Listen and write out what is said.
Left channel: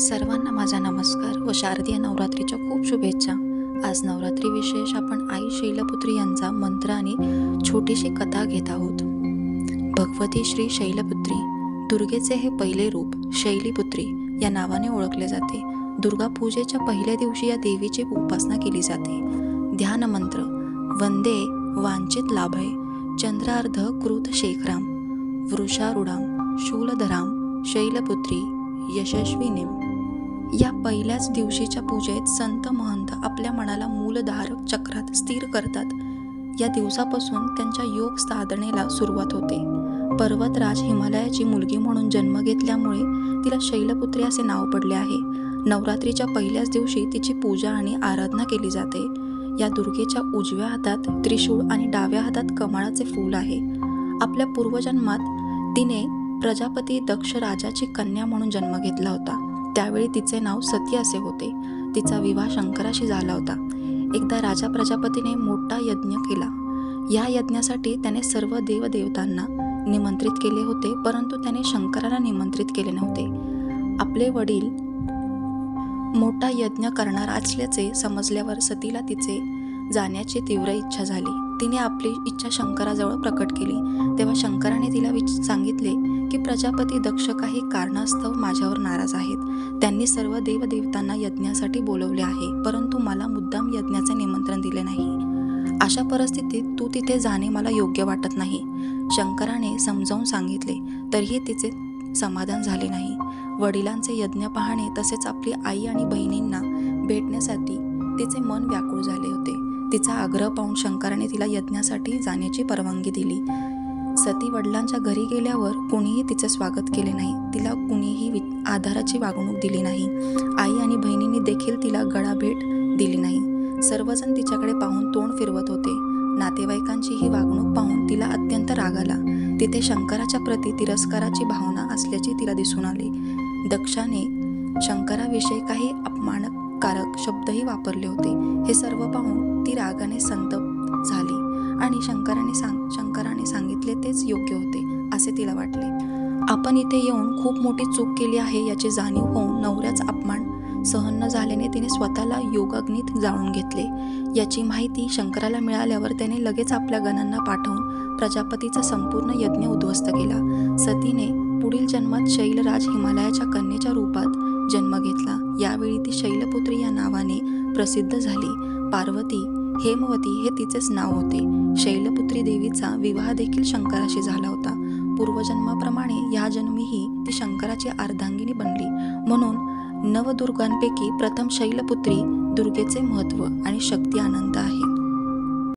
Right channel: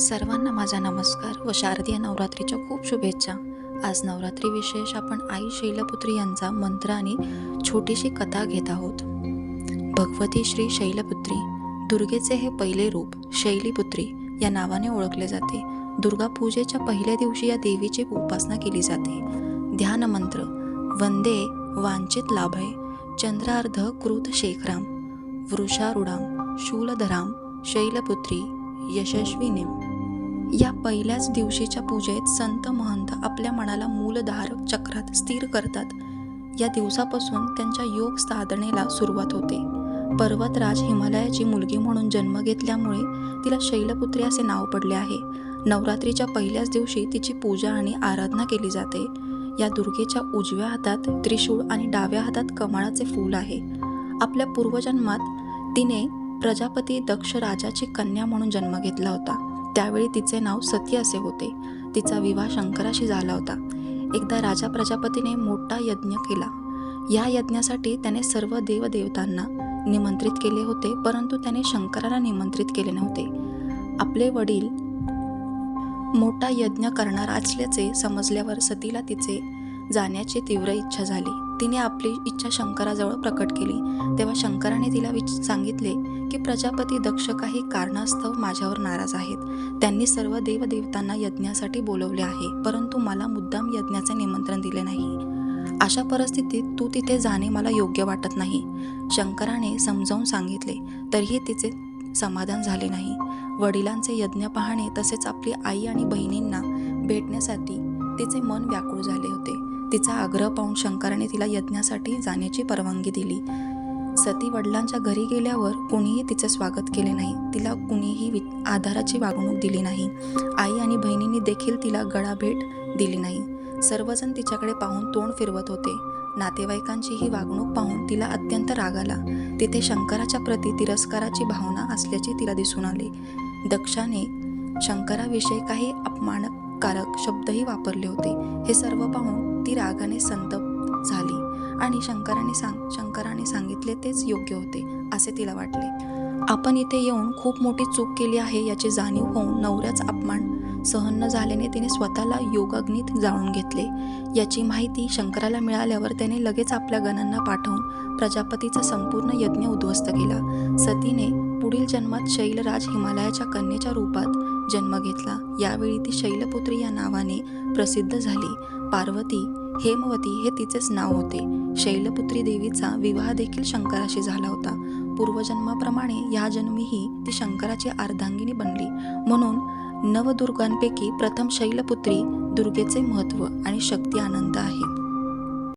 सर्वांना माझा नमस्कार व शारदीय नवरात्रीच्या खूप शुभेच्छा. आज नवरात्री विशेष आपण आई शैलपुत्री यांचा मंत्र आणि छोटीशी कथा घेत आहोत. भगवती श्री शैलपुत्री दुर्गेचे हे पहिले रूप शैलीपुत्री या नावाने ओळखले जाते. दुर्गा पूजेच्या पहिल्या दिवशी या देवीची उपासना केली जाते. ध्यान मंत्र वंदे वांचित लाभय चंद्रार्ध कृत शेखराम वृषारूढाम शूलधराम शैलपुत्री यशस्विनीम. या पहिल्याच दिवशीच्या पूजेत संत महंत आपल्या मनाला मूलधारक चक्रात स्थिर करतात. या दिवसापासून त्यांच्या योग साधनेला सुरुवात होते. पर्वतराज हिमालयाची मुलगी म्हणून जन्म घेतल्यामुळे तिला शैलपुत्री असे नाव पडले आहे. नवरात्रीच्या पहिल्याच दिवशी तिची पूजा आणि आराधना केली जाते. या दुर्गेच्या उजव्या हातात त्रिशूळ आणि डाव्या हातात कमळाचे फूल आहे. आपल्या पूर्वजन्मात तिने प्रजापती दक्ष राजाची कन्या म्हणून जन्म घेतला होता. त्यावेळी तिचे नाव सती असे होते. तिचा विवाह शंकराशी झाला होता. एकदा राजा प्रजापतीने मोठा यज्ञ केला. या यज्ञासाठी त्याने सर्व देवदेवतांना निमंत्रित केले होते, परंतु त्याने शंकराला निमंत्रित केले नव्हते. आपले वडील मोठा यज्ञ करणार असल्याचे समजल्यावर सतीला तिचे जाण्याची तीव्र इच्छा झाली. तिने आपली इच्छा शंकराजवळ प्रकट केली. तेव्हा शंकराने तिला सांगितले की प्रजापती दक्ष काही कारणास्तव माझ्यावर नाराज आहेत. त्यांनी सर्व देवदेवतांना यज्ञासाठी बोलवले आहे, परंतु मला मुद्दाम यज्ञाचे निमंत्रण दिले नाही. अशा परिस्थितीत तू तिथे जाणे मला योग्य वाटत नाही. शंकराने समजावून सांगितले तरीही तिचे समाधान झाले नाही. वडिलांचे यज्ञ पाहणे तसेच आपली आई आणि बहिणींना भेटण्यासाठी तिचे मन व्याकुळ झाले होते. तिचा आग्रह पाहून शंकराने तिला यज्ञासाठी जाण्याची परवानगी दिली. सती वडिलांच्या घरी गेल्यावर कुणीही तिचे स्वागत केले नाही. तिला कुणीही आधाराची वागणूक दिली नाही. आई आणि बहिणींनी देखील तिला गळाभेट दिली नाही. सर्वजण तिच्याकडे पाहून तोंड फिरवत होते. नातेवाईकांची ही वागणूक पाहून तिला अत्यंत राग आला. तिथे शंकराच्या प्रती तिरस्काराची भावना असल्याचे तिला दिसून आले. दक्षाने शंकराविषयी काही अपमानकारक शब्दही वापरले होते. हे सर्व पाहून ती रागाने संतप्त झाली आणि शंकराने सांगितले तेच योग्य होते असे तिला वाटले. आपण इथे येऊन खूप मोठी चूक केली आहे याची जाणीव होऊन नवऱ्याचा अपमान सहन न झाल्याने तिने स्वतःला योगाग्नीत जाळून घेतले. याची माहिती शंकराला मिळाल्यावर त्याने लगेच आपल्या गणांना पाठवून प्रजापतीचा संपूर्ण यज्ञ उद्ध्वस्त केला. सतीने पुढील जन्मात शैलराज हिमालयाच्या कन्येच्या रूपात जन्म घेतला. यावेळी ती शैलपुत्री या नावाने प्रसिद्ध झाली. पार्वती हेमवती हे तिचेच नाव होते. शैलपुत्री देवीचा विवाह देखील शंकराशी झाला होता. पूर्वजन्माप्रमाणे या जन्मीही ती शंकराची अर्धांगिनी बनली. म्हणून नवदुर्गांपैकी प्रथम शैलपुत्री दुर्गेचे महत्त्व आणि शक्ती अनंत आहे.